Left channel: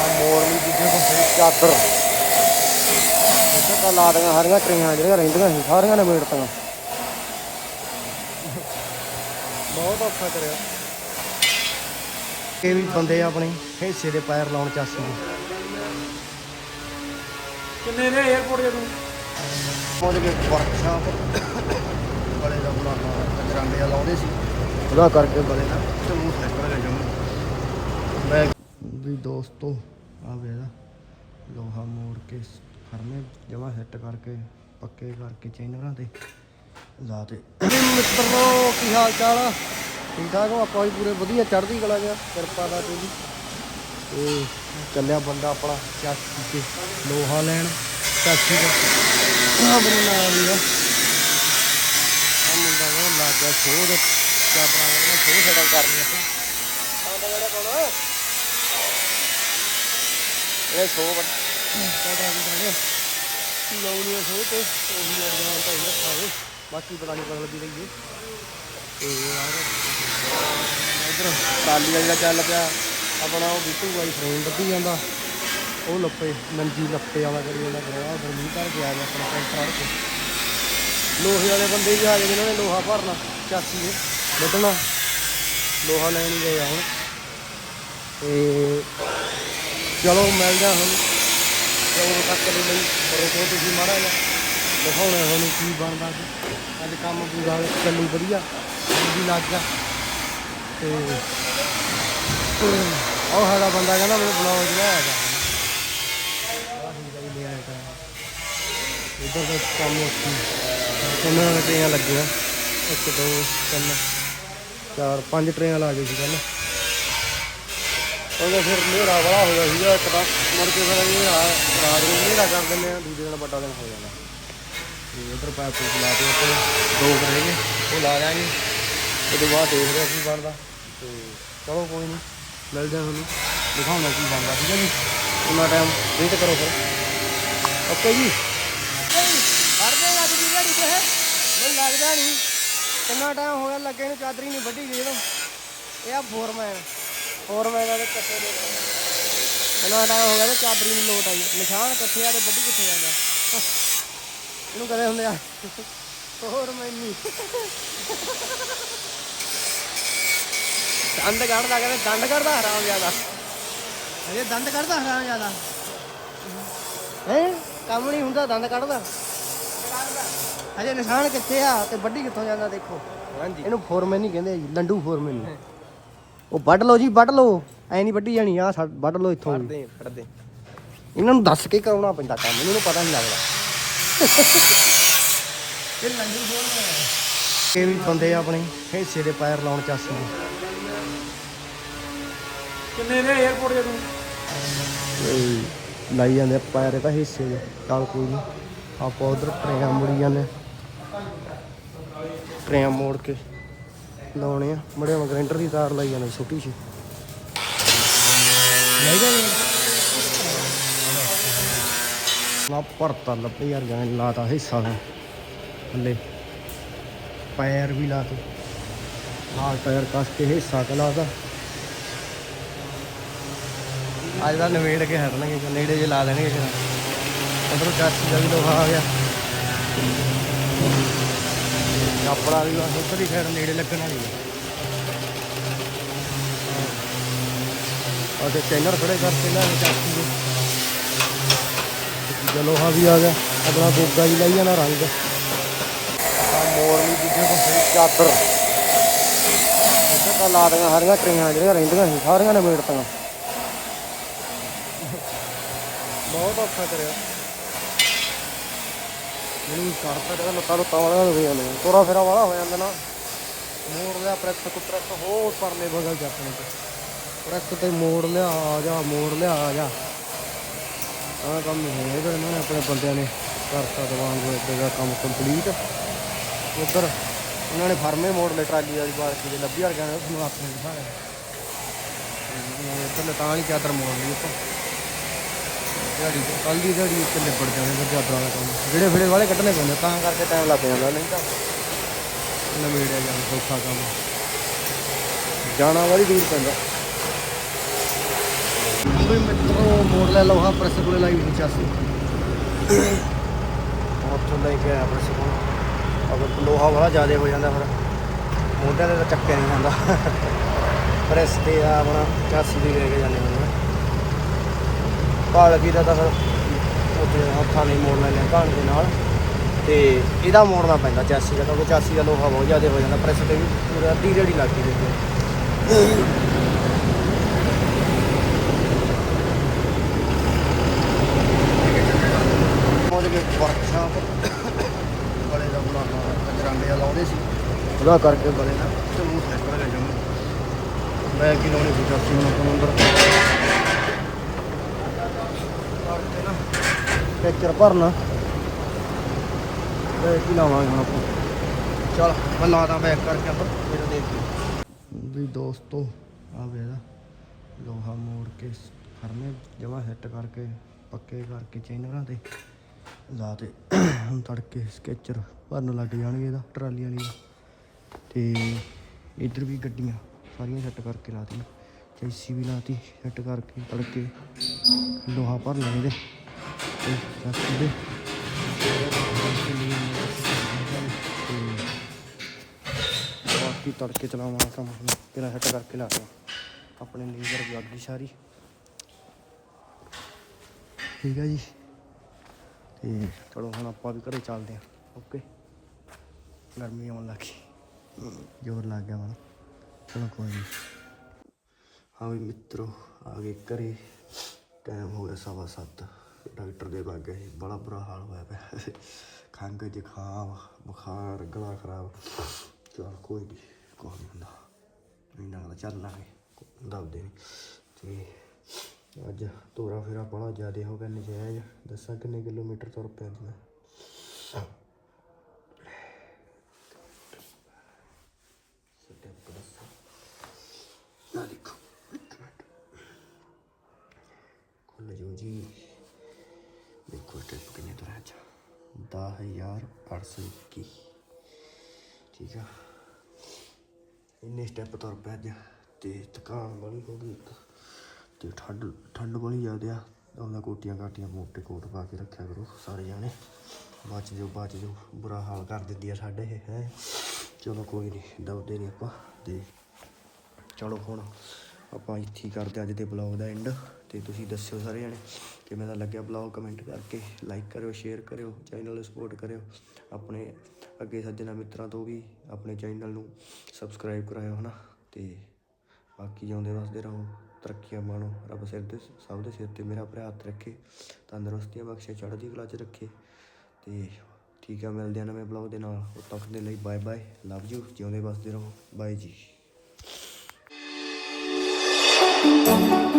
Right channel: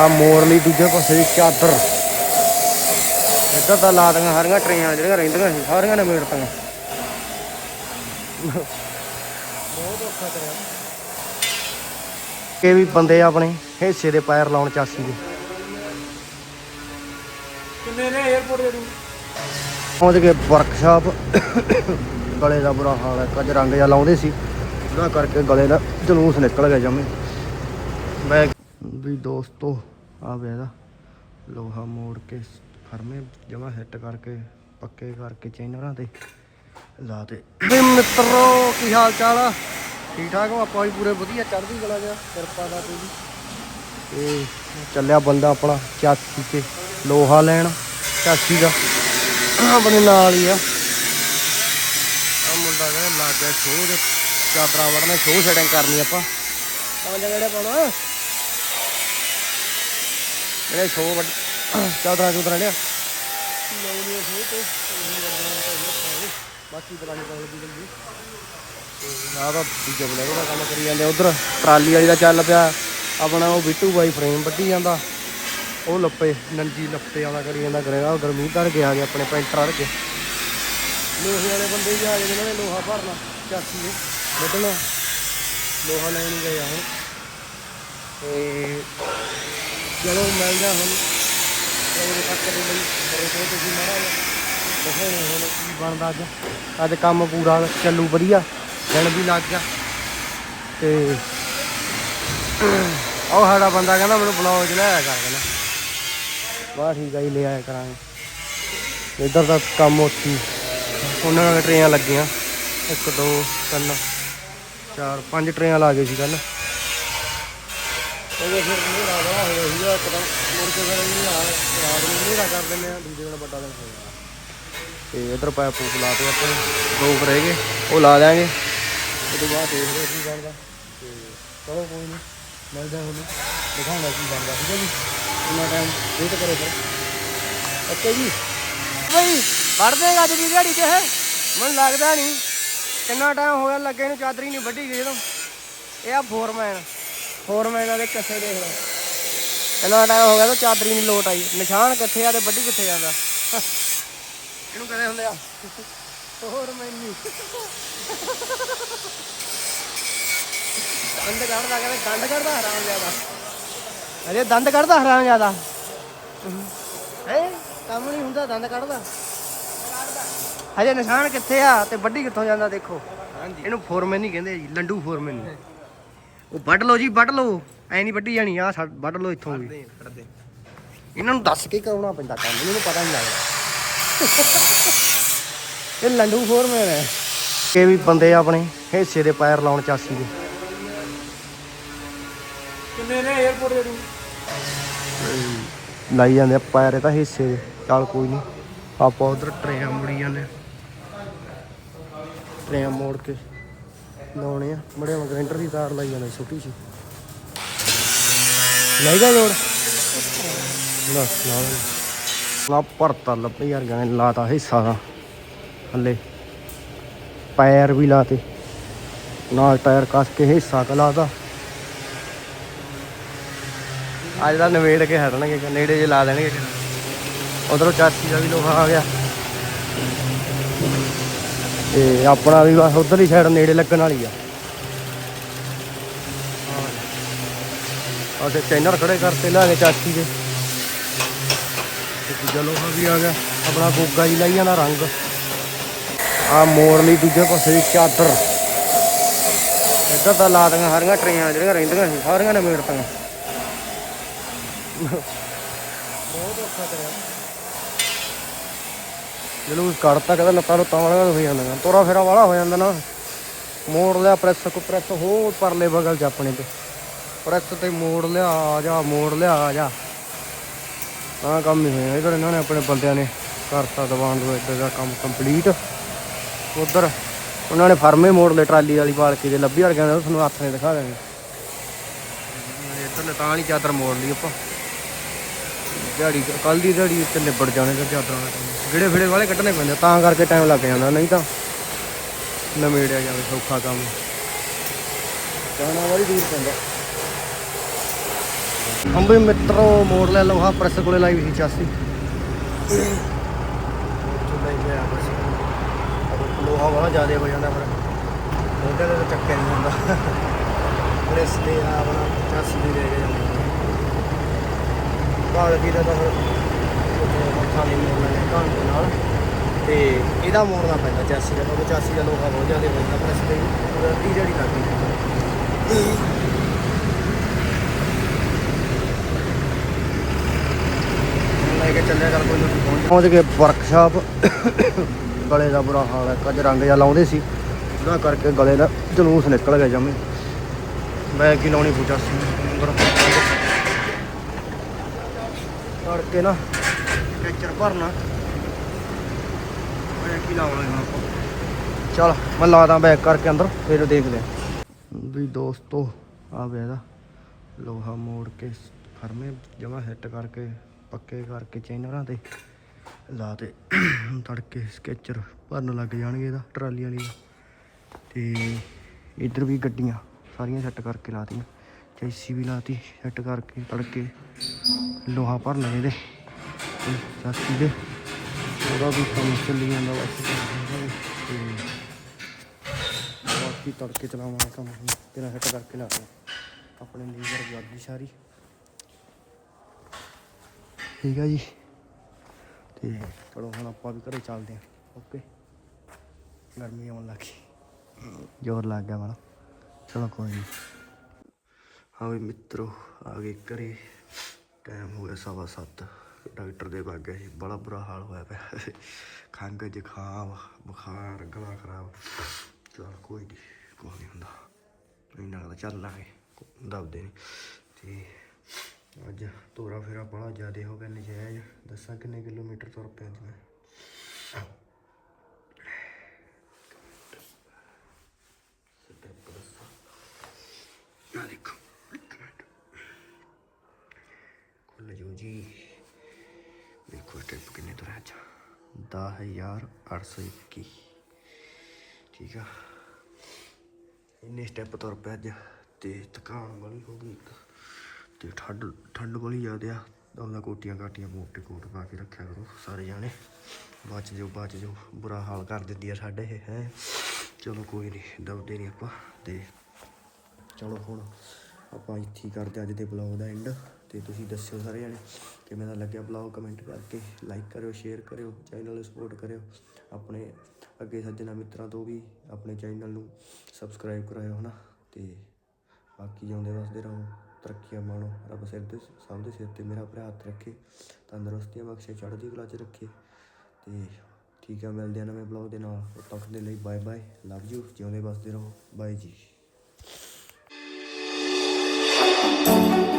ਆ ਮੋੜ ਲਈ ਦੂਜੇ ਪਾਸੇ ਚਾਦਰ ਇੱਧਰ ਤਾਂ ਲਾ ਦੀਆਂ ਹਰੀਆਂ ਟਰੇਆਂ ਜਿਹੜੀਆਂ ਰਹਿੰਦੀਆਂ ਸੀ ਸਾਰੀਆਂ ਨੇ ਮੇੜ ਤਾਂ ਬਹੁਤ ਔਖਾ ਕਰਿਆ। ਇਹ ਵੀ ਬੰਦੇ ਆਪਣੇ ਹਿੱਸੇ ਦੇ ਪੈਰ ਲਾਉਣ ਚਾਸੀ ਦੇ। ਕਿੰਨੇ ਨੇ 에어ਪੋਰਟ ਜਦੋਂ ਪਹੁੰਚ ਗਏ ਵਰਕਸ਼ਾਪ ਗਲੇ ਦਾ ਬੁਰਾ ਹਾਲ ਹੈ ਕੱਜ ਰੰਗ ਜਿਹਾ ਲਾਉਂਦੇ ਸੀ। ਉਹਦਾ ਕਰਕੇ ਗਲੇ ਦਾ ਜਲੂਸ ਨਿਕਲ ਗਿਆ ਜਮੇ। ਮੈਂ ਵੀ ਦੋਸਤੋ ਆ ਵੇ ਇਹਦਾ ਲੋਹਾ ਮੋੜ ਕੇ ਫਰਮੇ ਜਮਾ ਹਿੱਟ ਕਰਕੇ, ਪੱਕੇ ਕਰਕੇ ਚੈਨਰਾਂ ਤੇ ਲਾ ਤੇ। ਵੀ ਮਿੱਤਰੋ, ਕੀ ਹਾਲ ਚਾਲ ਆ? ਠੀਕ ਠਾਕ ਹੋ? ਆਪਾਂ ਵੀ ਪੂਰੇ ਵਧੀਆ, ਚੜ੍ਹਦੀ ਕਲਾ ਗਿਆ ਕਿਰਪਾ ਦਾ ਤੇ ਜੀ ਤੇ ਚੱਲਿਆ ਬੰਦਾ ਆਪਣਾ ਚਾਚੀ ਤੇ ਲੋਹਾ ਲੈਣ, ਚਾਚੀ ਦਾ। ਆਪਣੇ ਨਾਲ ਹੀ ਆ। ਆ ਮੁੰਡਾ ਕਹਿੰਦਾ ਲੱਗ ਗਿਆ ਸ਼ੋਅ ਦੇ ਚਾਦਰਾਂ ਵੜਨਾ, ਸ਼ੋਅ ਸੈਟਿੰਗ ਕਰਨੀ ਆਪਾਂ। ਇਹ ਸ਼ੋਅ ਚਾਦਰਾਂ ਚੁਦਰਾਂ ਲਿਆ। ਲਾਉਣੀ ਆ ਸ਼ੋਅ ਤੇ ਉਹੀ ਵਰਜਣਾ ਤਾਂ ਇਹ ਰੱਖਾਂਗੇ ਬਾਕੀ ਪਤਾ ਨਹੀਂ ਬਦਲਦੀ ਰਹੀ ਤੇ ਆਹ ਤਾਂ ਠੀਕ ਹੈ ਲੱਗਦਾ ਕੰਮ ਕਰੀ ਜਾਂਦੇ ਉਧਰ। ਟਰਾਲੀ ਵਾਲੀ ਦਾ ਚੱਲ ਪਿਆ। ਆਪਣਾ ਉਹ ਬਿੱਟੂ ਬਾਈ ਫਰੇਮ ਵੱਢੀ ਜਾਂਦਾ। ਉਹ ਲੱਪੇ ਨੰਜੀ ਲੱਪੇ ਵਾਲਾ ਕਰੀ ਜਾਂਦਾ ਕਰੇਗਾ ਉਧਰ ਮੀਂਹ ਧਰ ਕੇ ਆ ਗਏ ਆਪਣੇ ਪੈਂਟਰ ਅੜ ਕੇ। ਲੋਹੇ ਵਾਲੇ ਬੰਦੇ ਵੀ ਆ ਗਏ ਜਿਨ੍ਹਾਂ ਨੇ ਲੋਹਾ ਭਰਨਾ, ਚਾਚੀ ਨੇ ਵੱਢਣਾ। ਲੋਹਾ ਲੈਣ ਹੀ ਗਏ ਆ ਹੁਣ। ਤੇ ਚਲੋ ਮਿਲਦੇ ਆ ਹੁਣ। ਚਲੋ ਤੱਕ ਦੇ ਲਈ ਰੋਕੋ ਤੁਸੀਂ ਮਾੜਾ ਜਿਹਾ ਦਿਖਾਉਣਾ ਹੁਣ ਕੀ ਬਣਦਾ ਅੱਜ। ਅੱਜ ਕੰਮ ਪੂਰਾ ਚੱਲੂ ਵਧੀਆ। ਹੁਣ ਵੀ ਲੱਗ ਗਿਆ। ਤੇ ਉਹ ਸਾਡਾ ਬੰਦਾ ਕਹਿੰਦਾ ਮੈਨੂੰ ਬਲੌਗ ਚ ਲੈ ਆਇਆ ਕਰ ਕਹਿੰਦਾ। ਬਾਹਰ ਠੀਕ ਆ ਜੀ, ਲੈ ਆਇਆ ਕਰਾਂਗੇ। ਇੱਧਰ ਦਾ ਕੰਮ ਉੱਥੀ। ਉਹਨਾਂ ਨਾਲ ਟਰੇਆਂ ਲੱਗੀਆਂ। ਇੱਕ, ਦੋ, ਤਿੰਨ, ਚਾਰ, ਪੰਜ ਟਰੇਆਂ ਲਾ ਗਏ ਸੀ ਕੱਲ ਉਹਦੇ ਫਿਰ ਹਨੇਰਾ ਬੜਾ ਹੋ ਗਿਆ ਸੀਗਾ ਇੱਕ ਤਾਂ। ਮੁੜ ਕੇ ਫਿਰ ਇਹ ਰਾ- ਰਾਤ ਨੂੰ ਹਨੇਰਾ ਕਰ ਦਿੰਦੇ ਆ ਦੂਜੇ ਦਿਨ ਵੱਡਾ ਦਿਨ ਹੋ ਜਾਣਾ ਤੇ ਇਧਰ ਪਾਇਪ ਪੂਪ ਲਾ ਤੇ ਆਪਣੇ ਦੋ ਕੁ ਰਹਿ ਗਏ ਉਹ ਲਾ ਦਿਆਂਗੇ। ਉਹ ਤੋਂ ਬਾਅਦ ਦੇਖਦੇ ਕੀ ਬਣਦਾ। ਤੇ ਚਲੋ ਕੋਈ ਨਹੀਂ ਮਿਲਦੇ ਆ ਤੁਹਾਨੂੰ। ਦਿਖਾਉਣਾ ਕੀ ਬਣਦਾ ਠੀਕ ਹੈ ਜੀ? ਉਹਨਾਂ ਟਾਈਮ ਵੇਟ ਕਰੋ ਫਿਰ। ਓਕੇ ਜੀ? ਬਈ ਵੜ ਦੇਗਾ ਅੱਜ ਦੀ ਦਿਹਾੜੀ ਤੇ। ਹੈ ਮੈਨੂੰ ਲੱਗਦਾ ਨਹੀਂ ਕਿੰਨਾ ਟਾਈਮ ਹੋਇਆ ਲੱਗੇ ਨੂੰ ਚਾਦਰੀ ਨਹੀਂ ਵੱਢੀ ਗਈ ਜਦੋਂ ਇਹ ਆ ਫੋਰਮੈਨ ਫੋਰਮੈਨ ਵਾਲੇ ਕੱਸੇ ਦੇ ਕਿੰਨਾ ਟਾਈਮ ਹੋ ਗਿਆ ਤਾਂ ਚਾਦਰੀ ਨਹੀਂ ਲੋਟ ਆਈ। ਨਿਸ਼ਾਨ ਕਿੱਥੇ ਆ ਤੇ ਵੱਢੀ ਕਿੱਥੇ ਜਾਂਦਾ? ਇਹਨੂੰ ਕਦੇ ਹੁੰਦੇ ਆ? ਫੋਰਮੈਨੀ ਅੰਦ ਕੱਢਦਾ ਕਹਿੰਦੇ ਦੰਦ ਕੱਢਦਾ ਹਰਾਮ ਜ਼ਿਆਦਾ। ਅਰੇ ਦੰਦ ਕੱਢਦਾ ਹਰਾਮ ਜ਼ਿਆਦਾ। ਹੈ? ਕੰਮ ਨਹੀਂ ਹੁੰਦਾ ਦੰਦ ਕੱਢਦਾ। ਹਜੇ ਨਿਸ਼ਾਨ ਕਿੱਥੇ ਆ ਤੇ ਵੱਡੀ ਕਿੱਥੋਂ ਜਾਂਦਾ ਦੇਖੋ। ਇਹਨੂੰ ਫੋਰਮੈਨ ਨਹੀਂ ਕਹਿੰਦੇ ਜੀ ਲੰਡੂ ਫੋਰਮੈਨ ਨਹੀਂ ਉਹ ਵੱਢ ਲਓ ਜੀ ਵੱਢ ਲਓ। ਐ ਨਹੀਂ ਵੱਢੀ ਜਾਣੀ ਆ ਵੱਢ ਲਓ ਇੱਥੋਂ ਵੀ। ਦੇ ਇਹਨਾਂ ਨੂੰ ਦੱਸ ਕੇ ਕਰਾਉਣਾ ਪੈਂਦਾ ਕੰਮ ਇਹਨਾਂ ਨੂੰ ਪਤਾ ਨਹੀਂ ਲੱਗਦਾ। ਇਹ ਲੰਡੂ ਫੋਰਮੈਨ ਹੈ ਇਹ ਵੀ ਬੰਦੇ ਆਪਣੇ ਹਿੱਸੇ ਦੇ ਪੈਰ ਲਾਉਣ ਚਾਸੀ ਦੇ। ਕਿੰਨੇ ਨੇ 에어ਪੋਰਟ ਜਦੋਂ ਤੇ ਲਾਈ ਜਾਂਦੇ ਆ ਪੈਰ ਇਹ ਤਾਂ ਹਿੱਸੇ ਦੇ। ਚੱਲ ਕੋਈ ਨਹੀਂ ਆਪਾਂ ਉਧਰ ਟਰੇਆਂ ਮੁੜੀ ਜਾਂਦੇ ਟਰੇਆਂ ਮੋੜ ਕੇ। ਲਾਉਣੇ ਆ। ਬੜੇ ਗ੍ਰੈਂਡਰ ਦੀ ਤਾਰ ਲਾਈ ਜਾਂਦੇ, ਛੋਟੀ ਸੀ ਲੈ ਗਿਆ ਜੋੜ। ਨਾ ਭਰਤਾ ਲੱਭੇ ਯਾਰ, ਗਾਂ ਲਾਤਾ ਹਿੱਸਾ। ਦਾ ਹੱਲੇ ਪੈਰ ਵੀ ਲਾਤੇ। ਨਾਲ ਟਾਇਰ ਕੱਸ ਕੇ ਹਿੱਸਾ ਕ ਲਾਤਾ। ਅੱਜ ਦਾ ਨਵੇੜ ਕੇ ਹਟਣਗੇ ਨੇੜੇ ਜੇ ਲਾ ਦੇਣਗੇ ਫਿਰ ਉਧਰੋਂ ਚਾਚੀ ਦਾ ਵੀ ਲੋਹਾ ਆ ਗਿਆ। ਤੇ ਆਪਣਾ ਵੀ ਬਸ ਉਧਰ ਹੀ ਸਾਈਡ ਨੇੜੇ ਲੱਗਣ ਵਾਲੀ ਆ। ਆਹ ਤੇ ਚੈਨਰ ਖੜੇ ਕਰਤੇ ਲਾ ਕੇ ਚਾਚੀ ਦੇ। ਤੇ ਦੂਜਾ ਲੋਹਾ ਵੀ ਆ ਗਿਆ ਆਪਣਾ ਗੋਗਾ ਹੀ ਲਾਈ ਜਾਣਾ ਰੰਗ। ਆ ਮੋੜ ਲਈ ਦੂਜੇ ਪਾਸੇ ਚਾਦਰ। ਇੱਧਰ ਤਾਂ ਲਾ ਦੀਆਂ ਹਰੀਆਂ ਟਰੇਆਂ ਜਿਹੜੀਆਂ ਰਹਿੰਦੀਆਂ ਸੀ ਸਾਰੀਆਂ ਨੇ ਮੇੜ ਤਾਂ ਬਹੁਤ ਔਖਾ ਕਰਿਆ। ਜਲੂਸ ਕੱਢਤਾ ਕਹਿੰਦਾ ਲੱਤਾਂ ਨੂੰ ਵਾਲਾ ਹੋ ਜਾਂਦਾ ਤੋਰਾ ਫੇਰਾ ਵਾਲਾ ਹੋ ਜਾਂਦਾ ਨਾ। ਮੋੜ ਲਿਆ ਪ੍ਰੈਸ ਤੋਂ ਪ੍ਰੈਸ ਹੋਰ ਪਰਲੇ ਬਗਲ ਚ ਆਪਣੇ ਤੇ। ਪ੍ਰੈਸ ਤੇ ਮੋੜ ਲਿਆ, ਆ ਜਾ, ਮੋੜ ਲਿਆ, ਆ ਜਾ। ਆਹ ਕੰਮ ਹੀ ਹੋਇਆ ਇਧਰ ਇਹਨਾਂ ਨੇ, ਆਪਣੇ ਬੰਦਿਆਂ ਨੇ ਕਰਤਾ ਦੀਵਾਨ ਦੋ ਇੱਧਰ ਦਾ ਕੰਮ ਕੰਪਲੀਟ ਉਧਰ ਉਹਨਾਂ ਨੇ ਫਰਮੇ ਮੋੜ ਲਏ, ਟਰਾਲੀ ਵਾਲੀ ਬਾਲਕੀ ਜੇ ਲੱਭੀ ਵਰ ਤੁਹਾਨੂੰ ਹੱਥ ਨੇ ਦਿਖਾ ਦੇਣੇ। ਇੱਧਰ ਤਾਂ ਨਹੀਂ ਚਾਦਰ ਮੋੜ ਲਈ ਆਪਾਂ। ਦਿਹਾੜੀ ਕੱਲ ਦੀ ਦਿਹਾੜੀ ਉੱਤੇ ਨਿਬੜ ਜਾਣੇ ਤੇ ਚਾਦਰਾਂ ਦਾ ਕੰਮ। ਜਿਹੜੇ ਫਿੜੇ ਵਾਲੇ ਕੱਢਣੇ ਪੈਂਦੇ ਤਾਂ ਕਰਕੇ ਟਾਈਮ ਲੱਗ ਜਾਂਦਾ, ਨਹੀਂ ਤਾਂ ਨਵੇੜਿਆ ਜਾਵੇ ਸੌਖਾ ਕੰਮ। ਜਾਣਾ ਵਾਲੀ ਦੂਰ ਪੈਂਦਾ। ਅੰਬੇ ਮਿੱਤਰੋ, ਮੋੜ ਲੈ ਲੋਹਾ ਪ੍ਰੈਸ ਕੋਲੇ ਲਾਈ ਹੋਈ ਸੀ ਚਾਸੀ। ਉੱਥੋਂ ਲੈ ਕੇ ਆਇਆ ਪ੍ਰੈਸ ਕੋਲ। ਅਗਰ ਲੋਹਾ ਵਾਲਾ ਜ਼ਿਆਦਾ ਹੋ ਜਾਂਦਾ ਫਿਰ ਮੋਢਿਆਂ ਤੇ ਤਾਂ ਚੱਕਿਆ ਨਹੀਂ ਜਾਂਦਾ। ਪ੍ਰੈਸ ਤੇ ਆ ਆਪਣਾ ਚਾਸੀ ਦੀ ਲੈ ਕੇ ਜਾਂਦੇ ਹੁੰਦੇ ਕਾਲ ਵੀ ਦਾ ਤਾਂ ਫਿਰ ਉੱਥੇ ਹੱਥਾਂ ਨਹੀਂ ਮੋੜ ਲੈਣੇ ਘਾਣ ਦੇ ਨਾਲ। ਤੇ ਇਹਦਾ ਮੋੜਨਾ ਪੈਂਦਾ ਚਾਸੀ ਦਾ, ਕਿਉਂਕਿ ਚਾਸੀ ਦਾ ਲੋਹਾ ਬਹੁਤ ਜ਼ਿਆਦਾ ਹੋ ਜਾਂਦਾ ਪ੍ਰੈਸ ਤੇ ਵੀ ਪੂਰਾ ਅੱਧੀ ਜਿਹੜੀ ਲੱਗਦੀ ਰਹਿੰਦੀ ਪਹੁੰਚ ਗਏ ਵਰਕਸ਼ਾਪ ਗਲੇ ਦਾ ਬੁਰਾ ਹਾਲ ਹੈ ਕੱਜ ਰੰਗ ਜਿਹਾ ਲਾਉਂਦੇ ਸੀ। ਉਹਦਾ ਕਰਕੇ ਗਲੇ ਦਾ ਜਲੂਸ ਨਿਕਲ ਗਿਆ ਜਮੇ। ਮੈਂ ਕੀ ਲਾਉਣੀ ਪੁੱਛਿਆ ਸੀ ਮੈਨੂੰ ਨੰਬਰ ਕਰਕੇ ਨਾ ਟੈਕਚਰ ਭਰਨਾ। ਮੈਂ ਕੀ ਲਾਵਾਂਗੇ ਹੁਣ ਆਪਾਂ। ਚੱਲ, ਮੈਂ ਲਾਦਾ ਬੈਕ ਕਰਕੇ ਅੰਦਰ, ਫਿਰ ਦੇਖਦੇ ਹਾਂ ਵੀ ਦੋਸਤੋ ਆ ਵੇ ਇਹਦਾ ਲੋਹਾ ਮੋੜ ਕੇ ਫਰਮੇ ਜਮਾ ਹਿੱਟ ਕਰਕੇ, ਪੱਕੇ ਕਰਕੇ ਚੈਨਲਾਂ ਤੇ ਲਾ ਤੇ ਤੜਕੇ ਸਕੈਚਰ ਭਰਨ ਲੱਗ ਜਾਣਗੇ ਇਹਦਾ, ਟਰਾਲੀ ਵਾਲੀ ਤੇ ਇੱਧਰ ਵੀ ਗੱਡੀਆਂ ਸਾਰੀਆਂ ਸੈੱਟ ਕਰਕੇ ਲਾਤੀਆਂ ਚੈਸੀ ਵੀ ਲਾਤੀ ਸੈੱਟ ਕਰਕੇ ਤੜਕੇ ਲੋਹਾ ਭਰ ਲੈਣੇ ਇਹਦੇ। ਤੇ ਚਾਚੀ ਦੇ ਉਹਦਾ ਵੀ ਕੰਮ ਚੱਲੀ ਜਾਂਦਾ ਬਸ ਤੇ ਬਾਕੀ ਤੜਕੇ ਚਲਾਵਾਂਗੇ ਕੰਮ ਹੁਣ। ਤੇਰਾ ਕਰਕੇ ਲਾ ਦਿਆਂ ਆਪਣੇ ਲੀਵਰ ਵੀ ਅੱਗ ਸਾਰੀ। ਠੀਕ ਹੈ ਜੀ। ਤੇ ਚਲੋ ਹੁਣ ਆਪਾਂ ਵੀ ਘਰੇ ਚੱਲਦੇ ਹਾਂ। ਓਕੇ। ਗਰਮੀ ਆਉਣ ਲੱਗੀ ਜ਼ੋਰ ਲੱਗ ਗਿਆ ਮਾੜਾ। ਚਲੋ ਕੋਈ ਨਹੀਂ ਹਾਂ ਵੀ ਮਿੱਤਰੋ, ਆ ਗਏ ਘਰੇ। ਟਾਈਮ ਹੋ ਗਿਆ ਸਵਾ ਸੱਤ। ਡਾਕਟਰ ਦੇ ਲੱਗ ਗਏ ਬੜਾ ਬੁਰਾ ਹਾਲ ਹੋਇਆ ਪਿਆ। ਖੰਘ ਜ਼ੁਕਾਮ ਬੁਖਾਰ, ਗਲਾ ਖਰਾਬ। ਚਲ ਕੋਈ ਨਹੀਂ ਕੋਈ ਨਹੀਂ ਹੁੰਦਾ। ਨਹੀਂ ਲੱਗਦਾ ਚੱਲ ਲਾਂਗੇ। ਦਬਦੇ ਨਹੀਂ ਤੇ ਅੱਜ ਤੋਰਾ ਫੇਰਾ ਬੜਾ ਜ਼ਿਆਦਾ ਹੋ ਗਿਆ, ਨਜਾਇਜ਼। ਦੱਸਾਂ ਕਿੰਨੇ ਕਿਲੋਮੀਟਰ ਤੁਰ ਪਿਆ ਮੈਂ ਸਟੈਪ ਦੱਸਾਂ ਆ ਦੇਖੋ ਇੱਕ ਮਿੰਟ ਖੁੱਲ ਜੋ ਜੀ ਦੇਖੋ ਸਟੈਪ ਕਿੰਨੇ ਤੁਰਿਆ ਅੱਜ 10821 ਠੀਕ ਆ। ਇੰਨੇ ਸਟੈਪ ਤੁਰ ਪਿਆ ਅੱਜ ਤੇ ਥਕਾਨ ਵਾਲੀ ਹੋ ਗਈ। ਤੇ ਠੰਡ ਠੰਡ ਵਾਲੀ ਜ਼ਿਆਦਾ ਆ। ਉਹਨਾਂ ਕੋਟੀਆਂ ਕਾਟੀਆਂ ਮੋਟੇ ਕੋਟ ਪਾ ਕੇ ਰੱਖਿਆ ਕਰੋ ਸਾਰੇ ਜਾਣੇ। ਬਚ ਜਾਓ ਬਚ ਜਾਓ। ਬੁਰਾ ਹਾਲ ਕਰ ਦਿੰਦੀ ਆ ਸਾਡੇ ਇਹ, ਹੈ। ਚਲੋ ਕੋਈ ਨਹੀਂ ਦਬਦੇ ਨਹੀਂ ਆਪਾਂ। ਤੇ ਚਲੋ ਹੁਣ ਆਪਾਂ ਇੱਥੇ ਹੀ ਕਰਦੇ ਹਾਂ ਅੱਜ ਦੇ ਬਲੌਗ ਦਾ ਐਂਡ ਤੇ ਤੁਸੀਂ ਦੱਸਿਓ ਸਾਰੇ ਜਣੇ ਕਿਵੇਂ ਦਾ ਲੱਗਿਆ ਬਲੌਗ ਕਮੈਂਟ ਕਰਕੇ ਲਾਈਕ ਕਰਿਓ ਸ਼ੇਅਰ ਕਰਿਓ ਚੈਨਲ ਨੂੰ ਸਪੋਰਟ ਕਰਿਓ, ਆਪਣੇ ਅੱਗੇ ਸੱਜਣਾ ਮਿੱਤਰਾਂ ਤੋਂ ਵੀ ਆਪਣੇ ਚੈਨਲ ਨੂੰ ਸਬਸਕ੍ਰਾਈਬ ਕਰਾਇਓ, ਹਨਾ? ਤੇ ਬਾਕੀ ਜਿਉਂਦੇ ਵਸਦੇ ਰਹੋ, ਤਰੱਕੀਆਂ ਮਾਣੋ, ਰੱਬ ਸਿਰ ਦੇ ਸਭ ਦੇ ਸਿਰ ਤੇ ਮੇਰਾ ਭਰਾ ਹੱਥ ਰੱਖੇ, ਤੰਦਰੁਸਤੀਆਂ ਬਖਸ਼ੇ, ਚੜ੍ਹਦੀ ਕਲਾ 'ਚ ਰੱਖੇ, ਤੇ ਠੀਕ ਆ, ਮਿਲਦੇ ਆ ਨਵੇਂ ਬਲੌਗ ਦੇ ਨਾਲ ਉਦੋਂ ਤੱਕ ਦੇ ਲਈ ਬਾਏ ਬਾਏ ਲਵ ਯੂ ਜਿਉਂਦੇ ਵਸਦੇ ਰਹੋ ਬਾਏ ਜੀ। Thank you.